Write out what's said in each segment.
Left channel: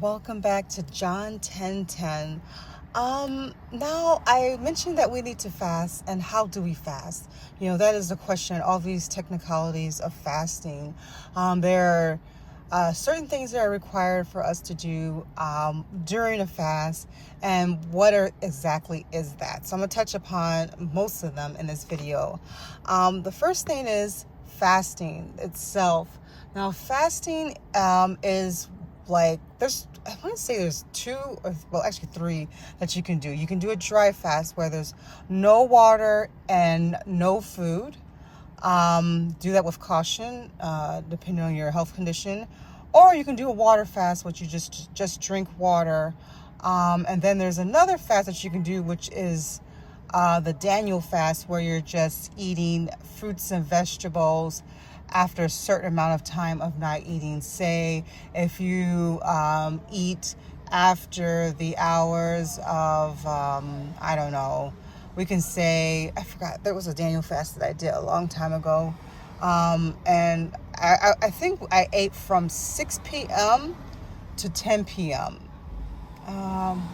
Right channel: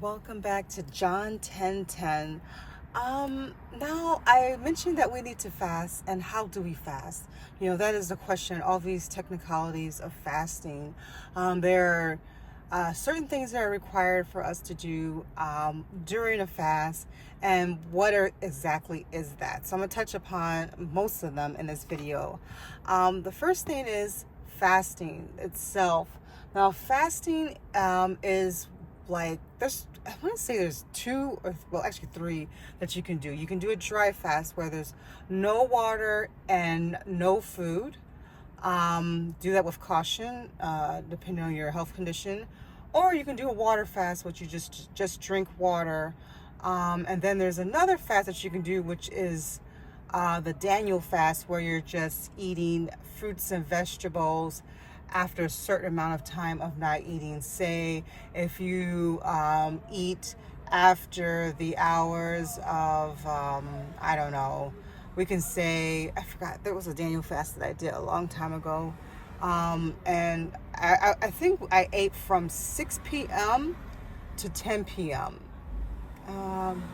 Welcome back to John 10:10. Now I mentioned that we need to fast, and how do we fast? That is the question. All these technicalities of fasting. There are certain things that are required for us to do during a fast, and exactly is that? So I'm gonna touch upon most of them in this video. The first thing is fasting itself. Now, fasting is like I want to say there's two, or well, actually three that you can do. You can do a dry fast where there's no water and no food. Do that with caution, depending on your health condition. Or you can do a water fast, which you just drink water. And then there's another fast that you can do, which is the Daniel fast, where you're just eating fruits and vegetables after a certain amount of time of not eating. Say if you eat after the hours of I don't know, we can say, I forgot, there was a Daniel fast that I did a long time ago, and I think I ate from 6 p.m. to 10 p.m.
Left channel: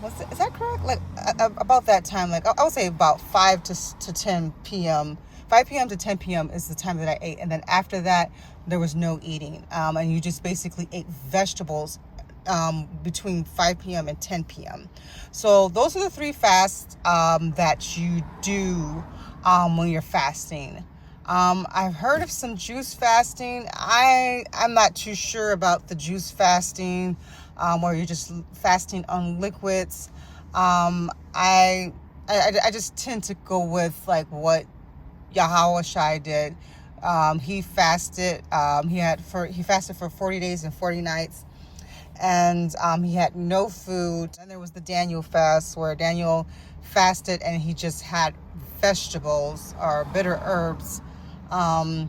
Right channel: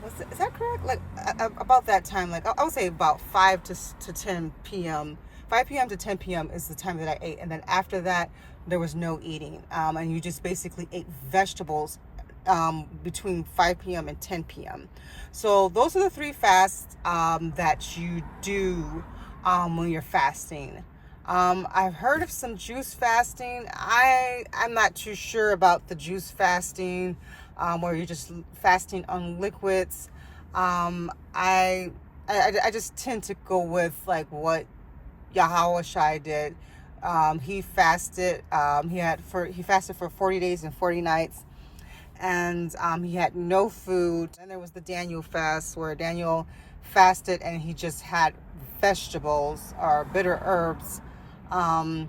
Is that correct? Like about that time, like I would say about 5 to 10 p.m. 5 p.m. to 10 p.m. is the time that I ate. And then after that, there was no eating. And you just basically ate vegetables between 5 p.m. and 10 p.m. So those are the three fasts that you do when you're fasting. I've heard of some juice fasting. I'm not too sure about the juice fasting, where you're just fasting on liquids. I just tend to go with like what Yahawashi did. He fasted. He fasted for 40 days and 40 nights, and he had no food. And there was the Daniel fast, where Daniel fasted and he just had vegetables or bitter herbs. Or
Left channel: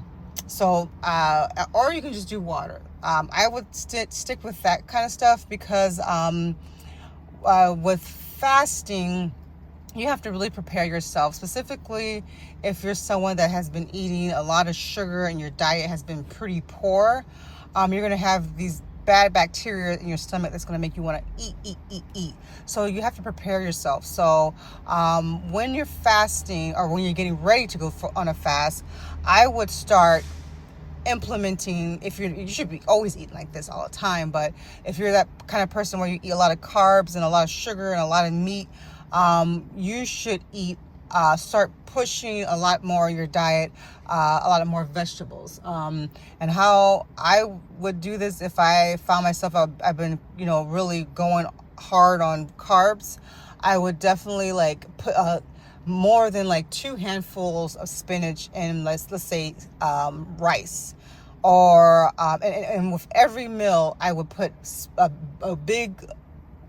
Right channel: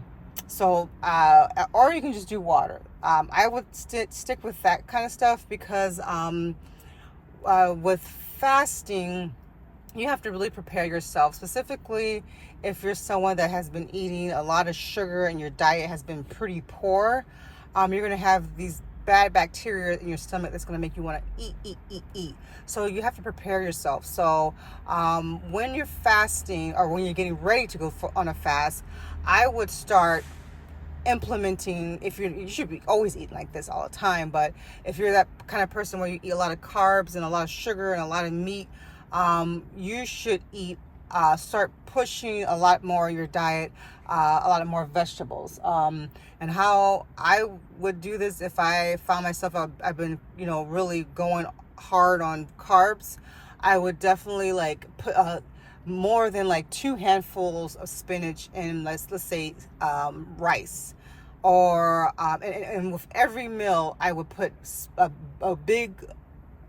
you can just do water. I would stick with that kind of stuff because with fasting, you have to really prepare yourself, specifically if you're someone that has been eating a lot of sugar and your diet has been pretty poor. You're going to have these bad bacteria in your stomach that's going to make you want to eat. So you have to prepare yourself. So when you're fasting, or when you're getting ready to go on a fast, I would start implementing, you should be always eating like this all the time, but if you're that kind of person where you eat a lot of carbs and a lot of sugar and a lot of meat, you should start pushing a lot more your diet, a lot of more vegetables. And how I would do this if I found myself, I've been, really going hard on carbs, I would definitely like put more than like 2 handfuls of spinach in, let's say rice. Or and with every meal, I would put a big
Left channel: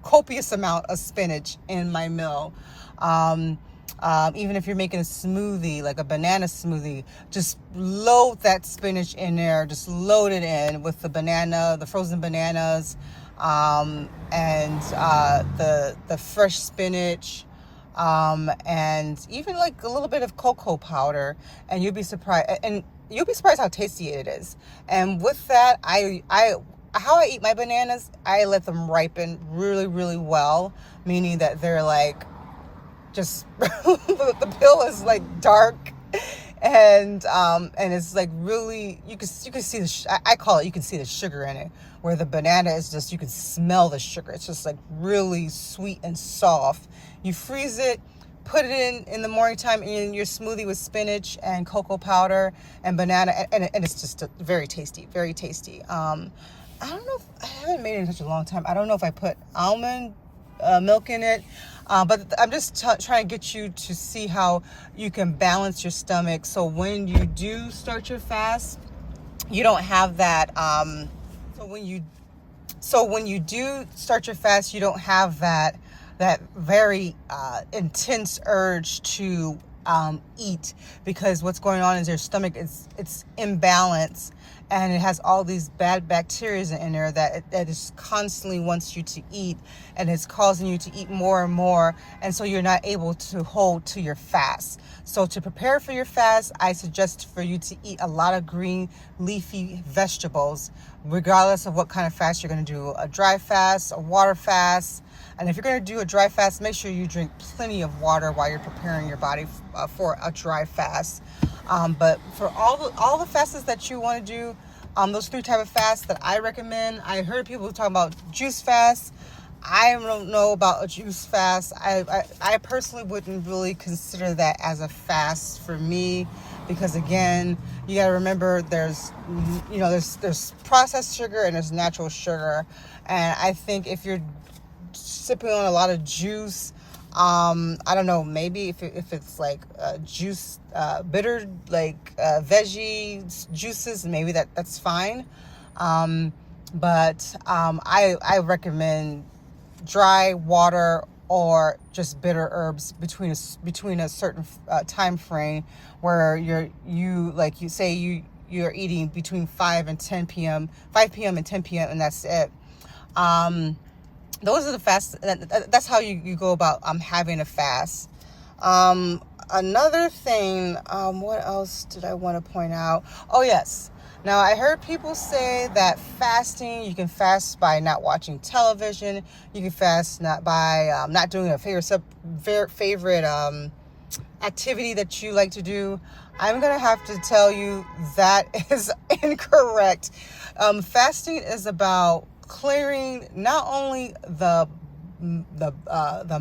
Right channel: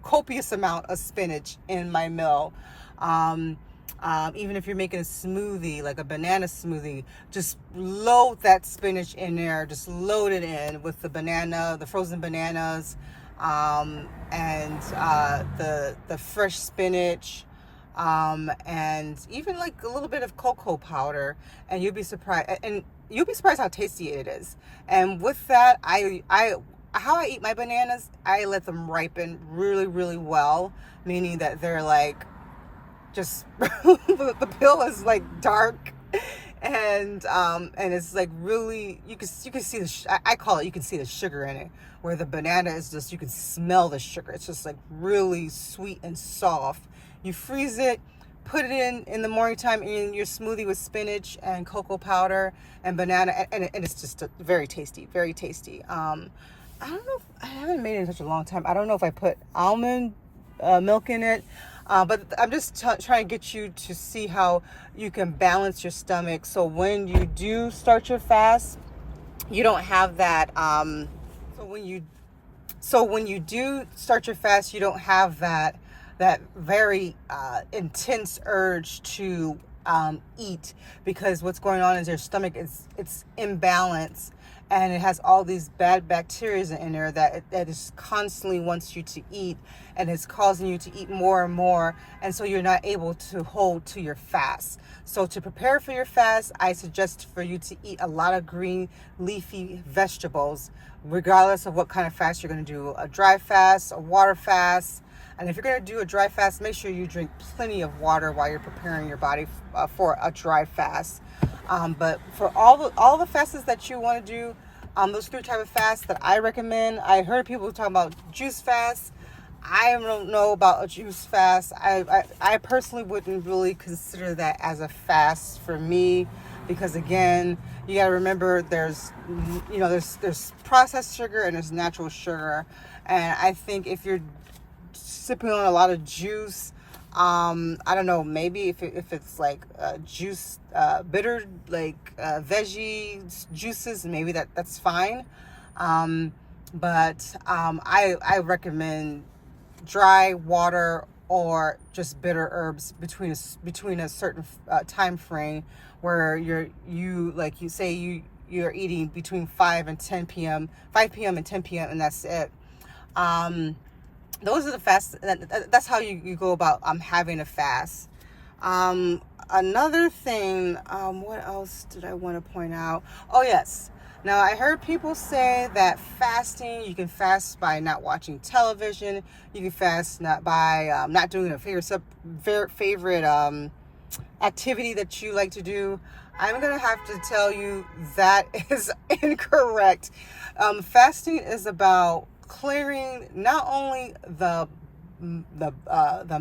copious amount of spinach in my meal. Even if you're making a smoothie, like a banana smoothie, just load that spinach in there. Just load it in with the frozen bananas, and the fresh spinach, and even like a little bit of cocoa powder, and you'll be surprised. And you'll be surprised how tasty it is. And with that, how I eat my bananas, I let them ripen really, really well, meaning that they're like just the peel is like dark, and it's like really, you can see I call it, you can see the sugar in it, where the banana is just, you can smell the sugar. It's just like really sweet and soft. You freeze it, put it in the morning time in your smoothie with spinach and cocoa powder and banana, and it's just very tasty, very tasty. I don't know I haven't made it in such a long time. I don't know if I put almond milk in it, but I'm just trying to get you to see how you can balance your stomach, so when you do start your fast, you don't have that. So when you do start your fast, you don't have that very intense urge to eat, because what's going on is your stomach it's imbalanced, and it has all these bad bacteria in there that is constantly wants you to eat, and it's causing you to eat more and more, and so you're not able to hold to your fast. So to prepare for your fast, I suggest for you to eat a lot of green leafy vegetables, regardless of what kind of fast you're going to do, a dry fast, a water fast. And if you're going to do a dry fast, make sure you drink plenty of water while you're preparing your body for a dry fast. But for all the fasts that you want to do, those 3 type of fasts that I recommend, I heard people talking about juice fasts. I don't know about a juice fast. I personally wouldn't really consider that as a fast for me, because again, you got to remember there's processed sugar and there's natural sugar, and I think if you're sipping on a lot of juice, I don't know, maybe if it's like juice, bitter, like veggie juices, maybe that's fine. But I recommend dry water or just bitter herbs between a certain time frame, where you're eating between 5 and 10 p.m., 5 p.m. and 10 p.m., and that's it. Those are the fasts. That's how you go about having a fast. Another thing, what else did I want to point out? Oh, yes. Now, I heard people say that fasting, you can fast by not watching television. You can fast by not doing a favorite activity that you like to do. I'm going to have to tell you that is incorrect. Fasting is about clearing not only the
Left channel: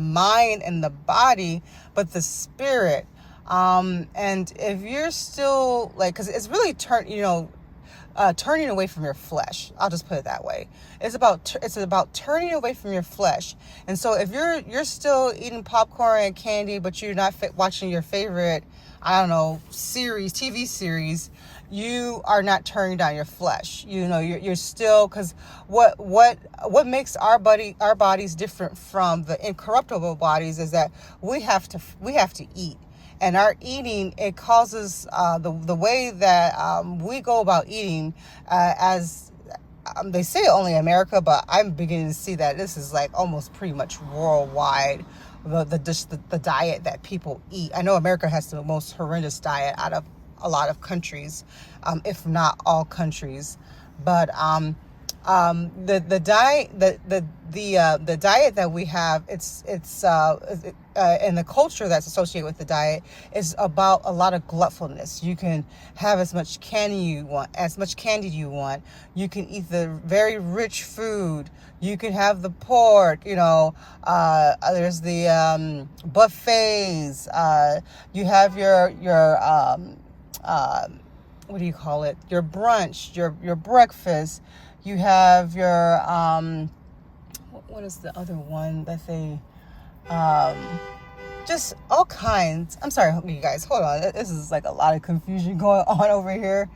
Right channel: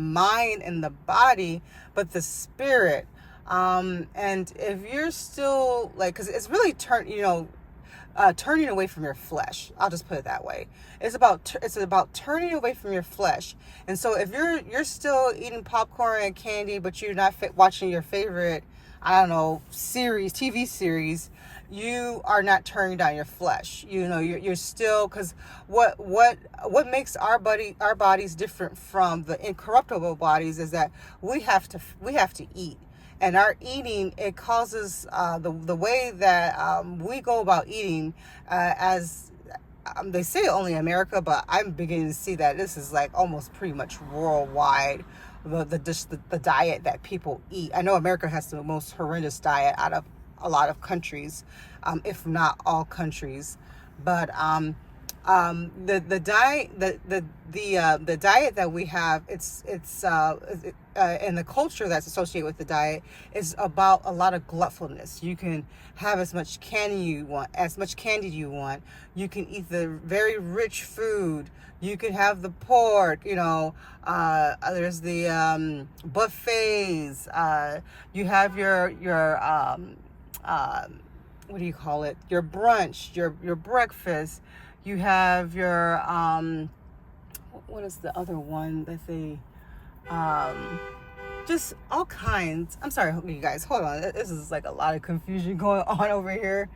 mind and the body, but the spirit. And if you're still because it's really turning away from your flesh. I'll just put it that way. It's about turning away from your flesh. And so if you're still eating popcorn and candy, but you're not watching your favorite, I don't know, TV series, you are not turning down your flesh. You're still, because what makes our bodies different from the incorruptible bodies is that we have to eat. And our eating, it causes the way that we go about eating, as they say only America, but I'm beginning to see that this is like almost pretty much worldwide, the diet that people eat. I know America has the most horrendous diet out of a lot of countries, if not all countries. But the diet that we have, it's and the culture that's associated with the diet is about a lot of gluttfulness. You can have as much candy you want. You can eat the very rich food. You can have the pork. There's the buffets. You have your what do you call it? Your brunch, your breakfast. You have your what is the other one that they just all kinds. I'm sorry, you guys, hold on. This is like a lot of confusion going on over here,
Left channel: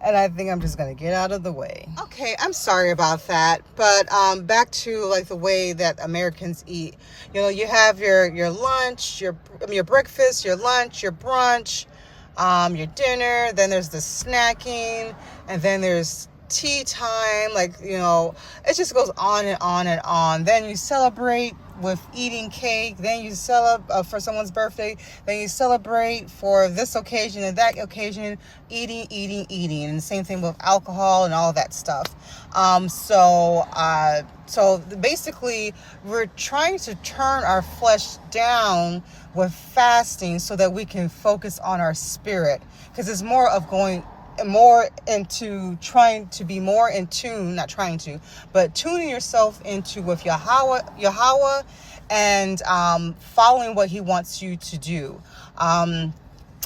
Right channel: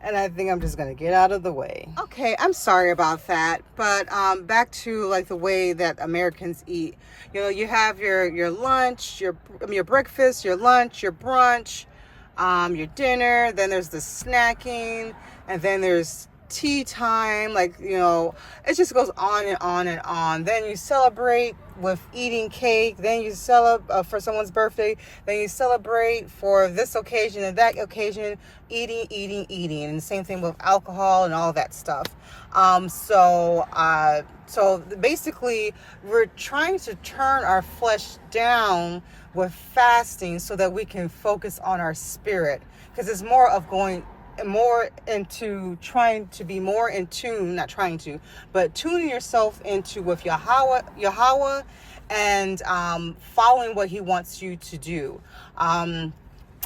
and I think I'm just gonna get out of the way. Okay, I'm sorry about that, but back to like the way that Americans eat. You have your lunch, your breakfast, your lunch, your brunch, your dinner. Then there's the snacking, and then there's tea time. It just goes on and on and on. Then you celebrate with eating cake. Then you celebrate for someone's birthday. Then you celebrate for this occasion and that occasion, eating. And the same thing with alcohol and all that stuff. So basically, we're trying to turn our flesh down with fasting so that we can focus on our spirit, because it's more of going more into trying to be more in tune, not trying to, but tuning yourself into with Yahweh, and following what he wants you to do. And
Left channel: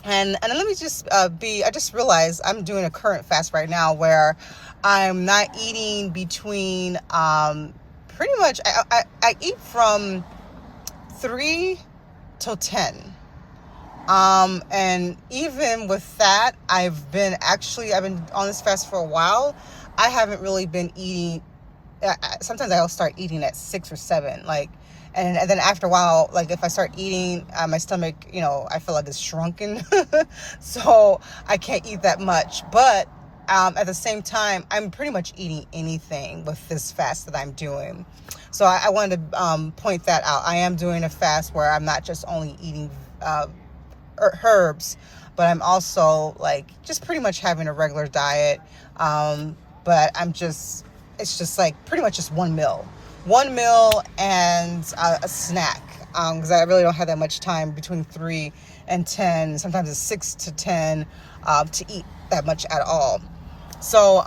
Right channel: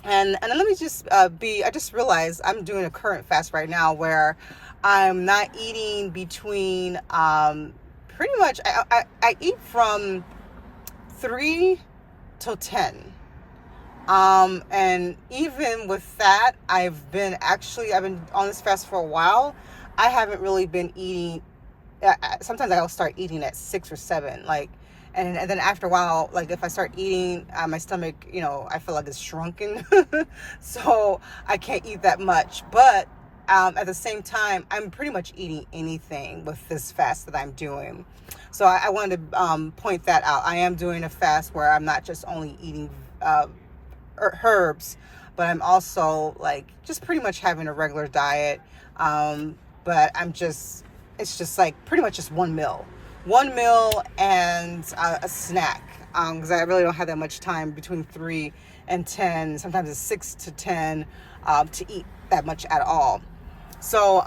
let me just I just realized I'm doing a current fast right now where I'm not eating between pretty much I eat from 3 till 10. And even with that, I've been on this fast for a while. I haven't really been eating. Sometimes I'll start eating at 6 or 7, and then after a while, if I start eating, my stomach, I feel like it's shrunken. So I can't eat that much, but at the same time, I'm pretty much eating anything with this fast that I'm doing. So I wanted to point that out. I am doing a fast where I'm not just only eating herbs, but I'm also like just pretty much having a regular diet. But it's just like pretty much just one meal and a snack. Because I really don't have that much time between 3 and 10. Sometimes it's 6 to 10 to eat that much at all. So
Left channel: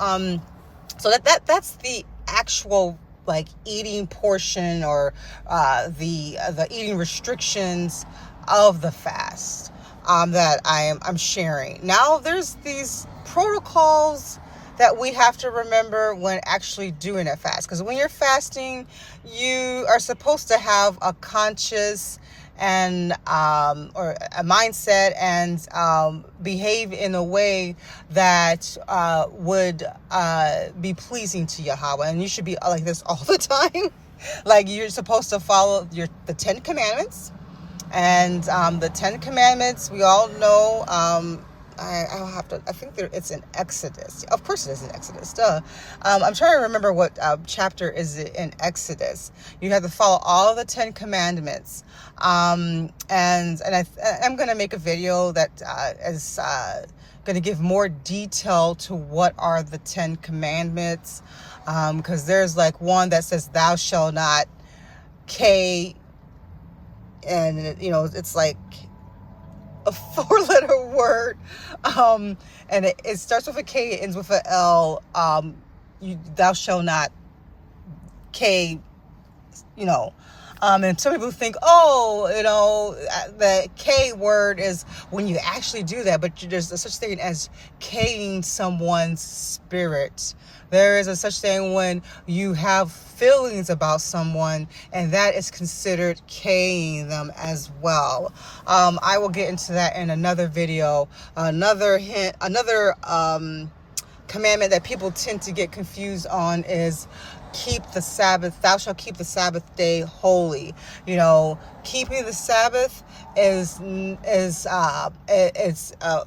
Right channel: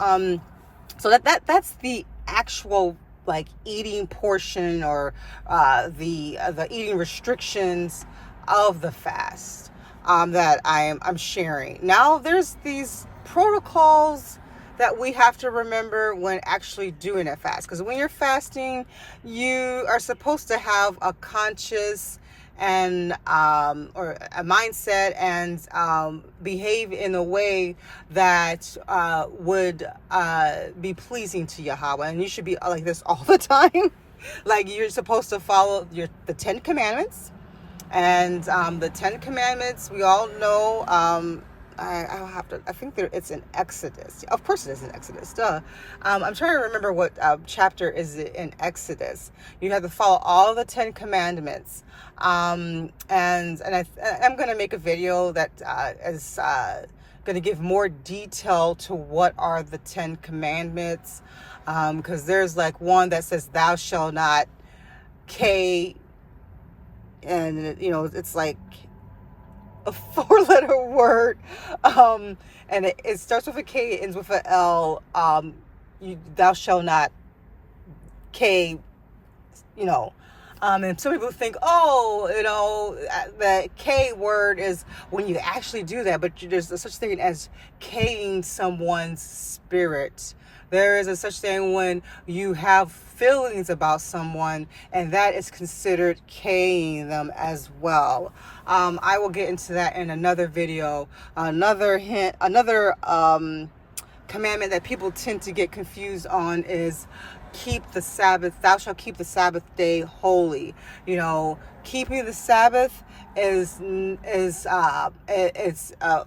that's the actual like eating portion, or the eating restrictions of the fast that I'm sharing. Now there's these protocols that we have to remember when actually doing a fast, because when you're fasting, you are supposed to have a conscious and or a mindset and behave in a way that would be pleasing to Yahweh. And you should be like this all the time. Like, you're supposed to follow the 10 commandments. And the 10 commandments, we all know, I'll have to, I think it's in Exodus. Of course it is in Exodus, duh. I'm trying to remember what chapter is it in Exodus. You have to follow all the 10 commandments. And I'm going to make a video that is going to give more detail to what are the 10 commandments. Because there's like one that says, thou shalt not K, and it's like a 4-letter word, and it starts with a K, it ends with an L. Thou shalt not K, and some people think, the K word is when you actually do that, but there's a such thing as K-ing someone's spirit. There is a such thing when you have feelings about someone, and that is considered K-ing them as well. I will get into that in another video. Another commandment that people tend to get confused on is keep the Sabbath. Thou shalt keep the Sabbath day holy. Keeping the Sabbath is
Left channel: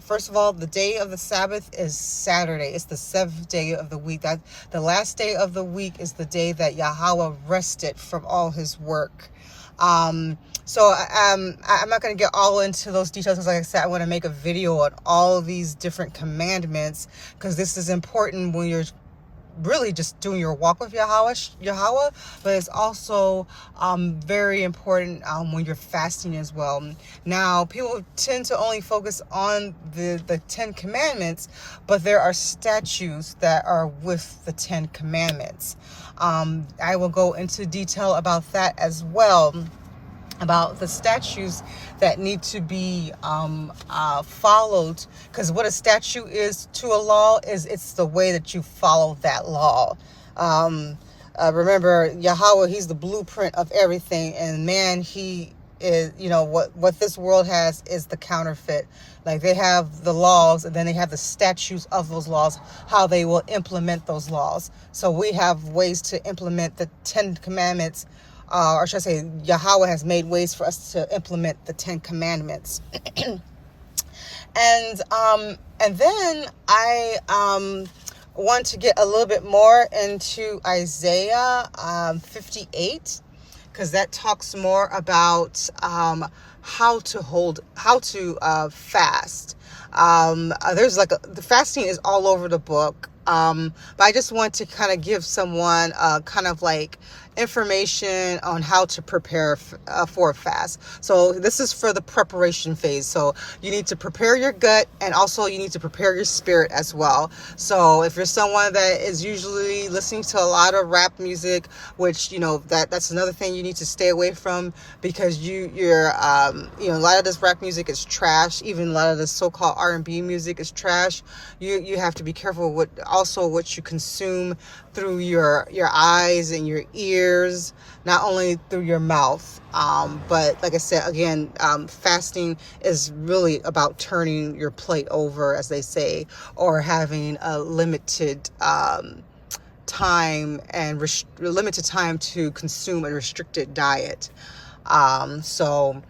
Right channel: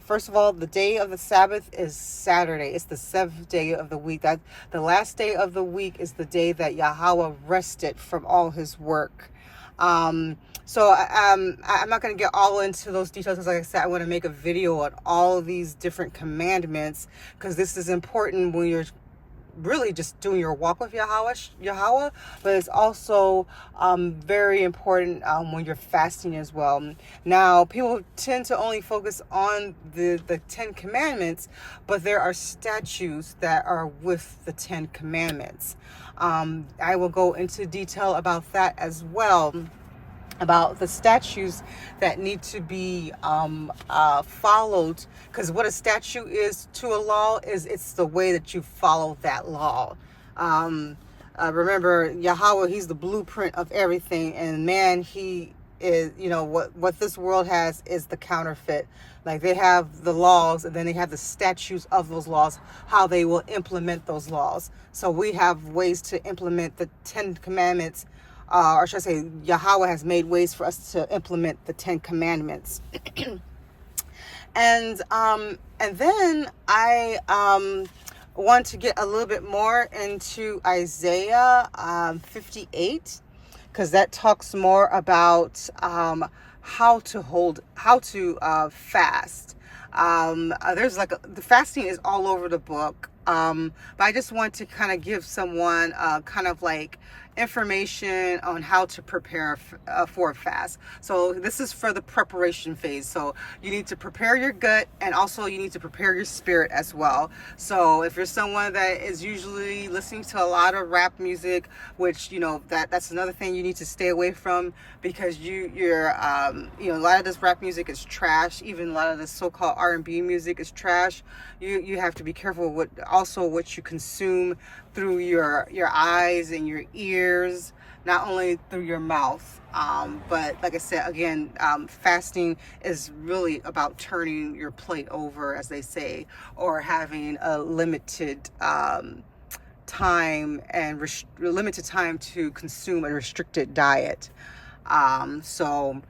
first of all, the day of the Sabbath is Saturday. It's the 7th day of the week. That the last day of the week is the day that Yahweh rested from all his work. So I'm not going to get all into those details, because like I said, I want to make a video on all of these different commandments, because this is important when you're really just doing your walk with Yahweh, but it's also very important when you're fasting as well. Now, people tend to only focus on the 10 commandments, but there are statutes that are with the 10 commandments. I will go into detail about that as well, about the statutes that need to be followed, because what a statute is to a law is it's the way that you follow that law. Remember, Yahweh, he's the blueprint of everything, and man, he is, what this world has is the counterfeit. Like, they have the laws, and then they have the statutes of those laws, how they will implement those laws. So we have ways to implement the 10 commandments, or should I say, Yahweh has made ways for us to implement the 10 commandments. And then I want to get a little bit more into Isaiah 58, because that talks more about how to fast. There's the fasting is all over the book. But I just want to kind of give someone kind of like information on how to prepare for a fast. So this is for the preparation phase. So you need to prepare your gut, and also you need to prepare your spirit as well. So if you're someone that is usually listening to a lot of rap music, which that's another thing you need to stay away from, because you're a lot of this rap music is trash. Even a lot of this so-called R&B music is trash. You have to be careful with also what you consume through your eyes and your ears, not only through your mouth. But like I said, again, fasting is really about turning your plate over, as they say, or having a limited time to consume a restricted diet. So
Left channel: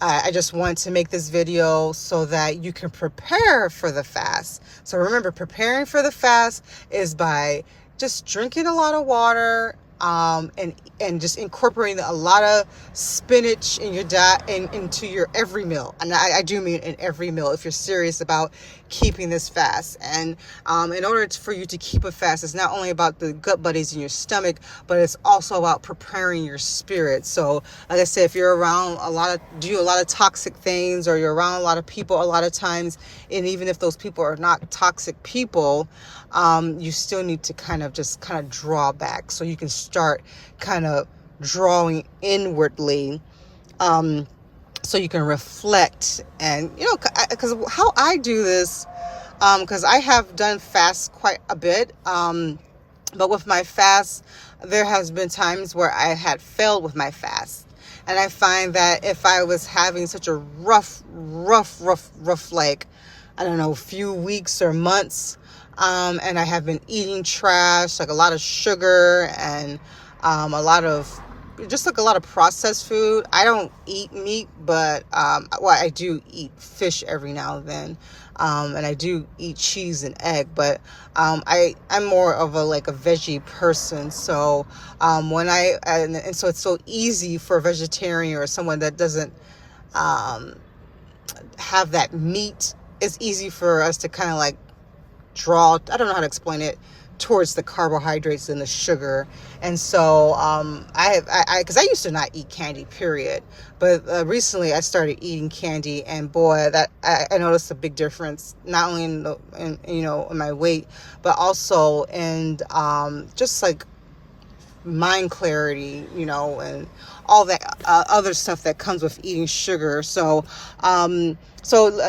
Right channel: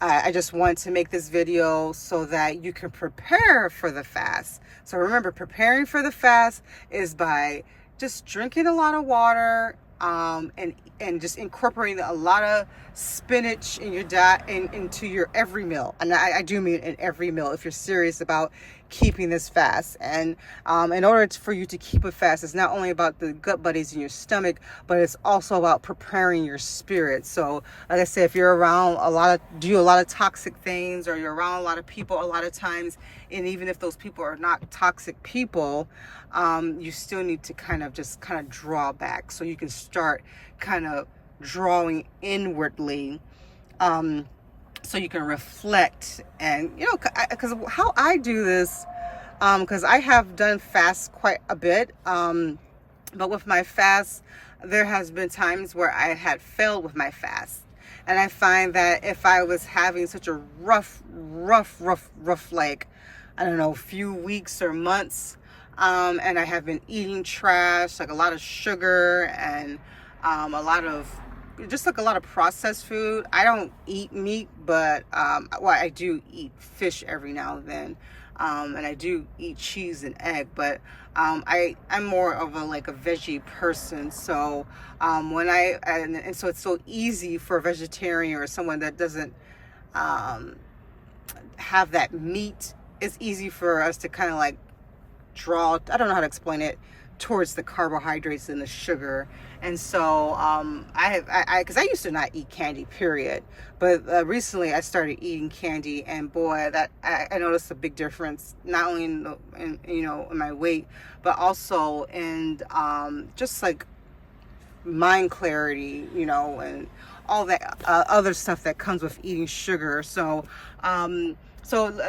I just wanted to make this video so that you can prepare for the fast. So remember, preparing for the fast is by just drinking a lot of water, and just incorporating a lot of spinach in your diet and into your every meal. And I do mean in every meal if you're serious about keeping this fast. And in order for you to keep a fast, it's not only about the gut buddies in your stomach, but it's also about preparing your spirit. So like I said, if you're around a lot of toxic things, or you're around a lot of people a lot of times, and even if those people are not toxic people, you still need to kind of draw back so you can start kind of drawing inwardly, so you can reflect. And because how I do this, because I have done fasts quite a bit, but with my fast there has been times where I had failed with my fast. And I find that if I was having such a rough like, I don't know, few weeks or months, and I have been eating trash, like a lot of sugar and a lot of processed food. I don't eat meat, but I do eat fish every now and then, and I do eat cheese and egg. But I'm more of a veggie person. So and so it's so easy for a vegetarian or someone that doesn't have that meat. It's easy for us to kind of draw, I don't know how to explain it, towards the carbohydrates and the sugar. And so because I used to not eat candy, period, but recently I started eating candy, and boy, that I noticed a big difference, not only in my weight, but also in just mind clarity, and all that other stuff that comes with eating sugar. So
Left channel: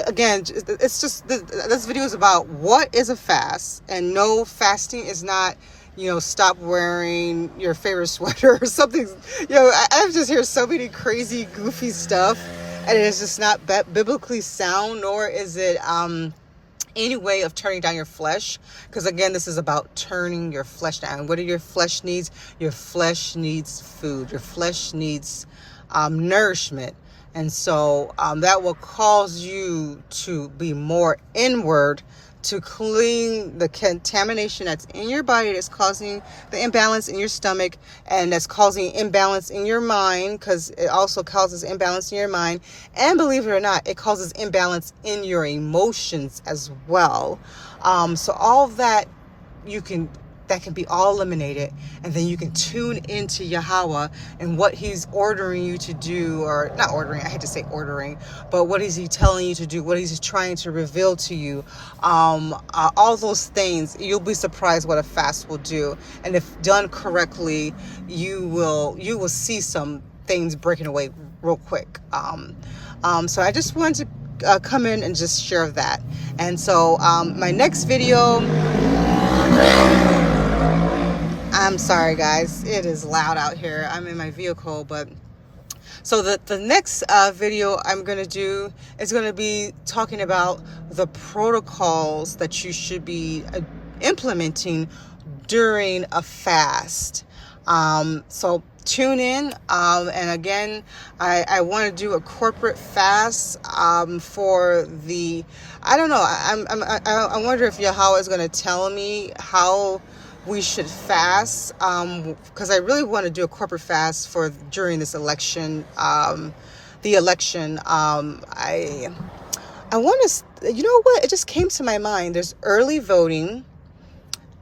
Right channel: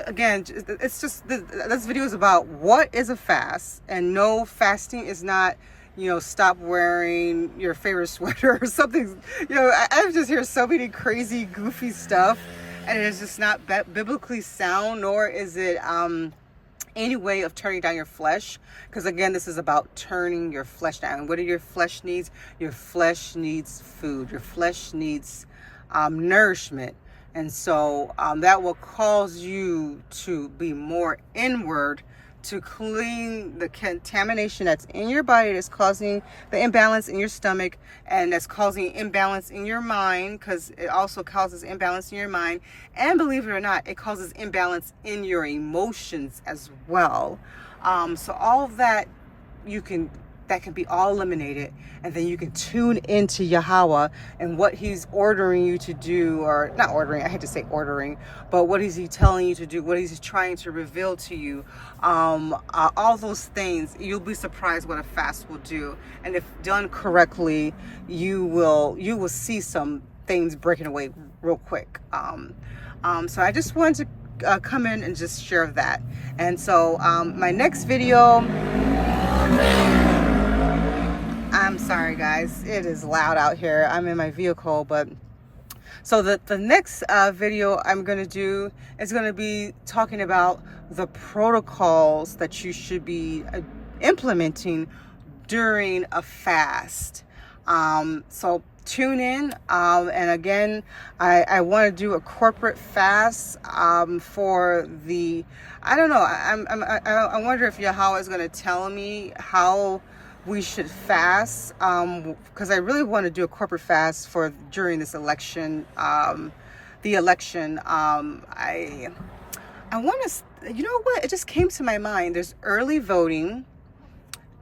again, it's just this video is about what is a fast. And no, fasting is not stop wearing your favorite sweater or something. I've just heard so many crazy goofy stuff, and it's just not biblically sound, nor is it any way of turning down your flesh. Because again, this is about turning your flesh down. What do your flesh needs? Your flesh needs food. Your flesh needs nourishment. And so that will cause you to be more inward, to clean the contamination that's in your body, that's causing the imbalance in your stomach, and that's causing imbalance in your mind, because it also causes imbalance in your mind. And believe it or not, it causes imbalance in your emotions as well. So all of that that can be all eliminated, and then you can tune into Yahweh and what he's ordering you to do, or not ordering, I hate to say ordering, but what is he telling you to do, what is he trying to reveal to you, all those things. You'll be surprised what a fast will do. And if done correctly, you will see some things breaking away real quick. So I just wanted to come in and just share that. And so my next video, I'm sorry guys, it is loud out here. I'm in my vehicle, but so the next video I'm going to do is going to be talking about the protocols that you should be implementing during a fast. So tune in, and again, I want to do a corporate fast for the, I don't know, I wonder if Yahweh is going to tell me how we should fast, because I really want to do a corporate fast for during this election, the election. I want to, you know what, it just came to my mind. There's early voting,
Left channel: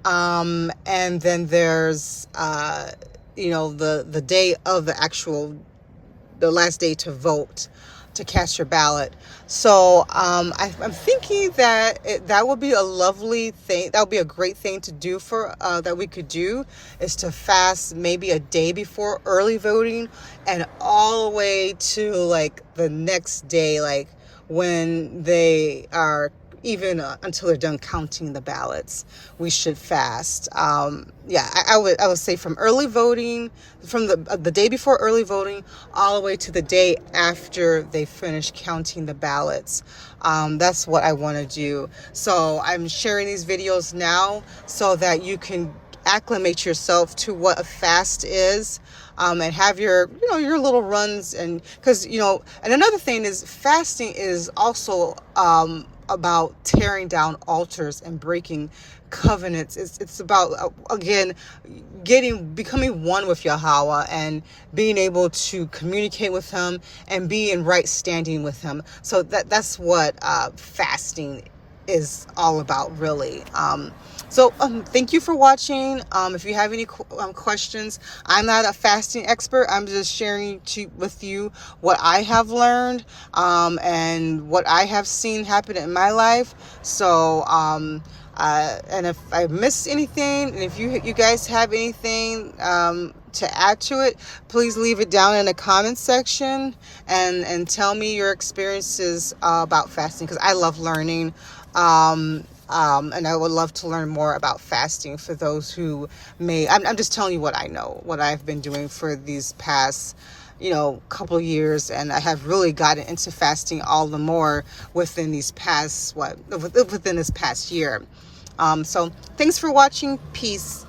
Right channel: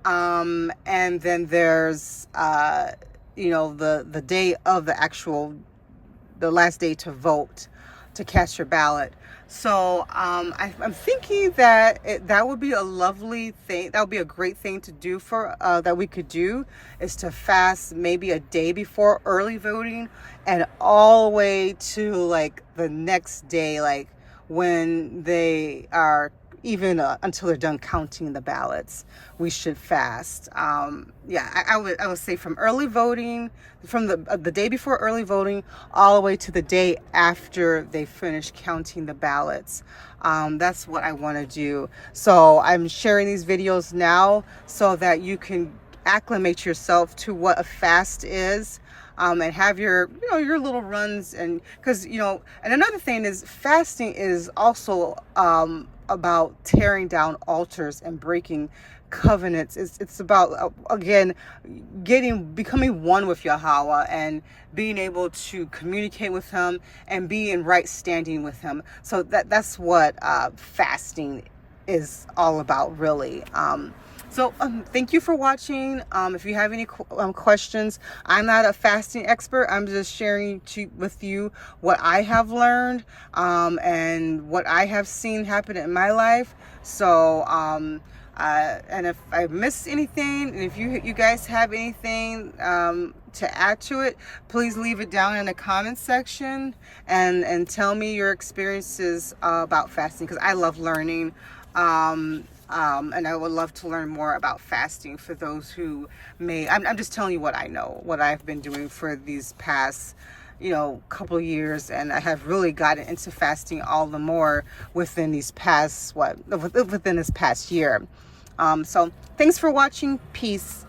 and then there's the day of the last day to vote, to cast your ballot. So I'm thinking that that would be a lovely thing. That would be a great thing to do for that we could do, is to fast maybe a day before early voting, and all the way to the next day, when they are, even until they're done counting the ballots, we should fast. I would say from early voting, from the day before early voting, all the way to the day after they finish counting the ballots. That's what I want to do. So I'm sharing these videos now so that you can acclimate yourself to what a fast is, and have your, your little runs. And because, and another thing is, fasting is also about tearing down altars and breaking covenants. It's about, again, becoming one with Yahweh and being able to communicate with him and be in right standing with him. So that's what fasting is all about, really. So thank you for watching. If you have any questions, I'm not a fasting expert. I'm just sharing with you what I have learned, and what I have seen happen in my life. So and if I missed anything, and if you guys have anything to add to it, please leave it down in the comments section, and tell me your experiences about fasting, because I love learning. And I would love to learn more about fasting for those who I'm just telling you what I know, what I've been doing for these past, couple of years. And I have really gotten into fasting all the more within this past year. So thanks for watching. Peace.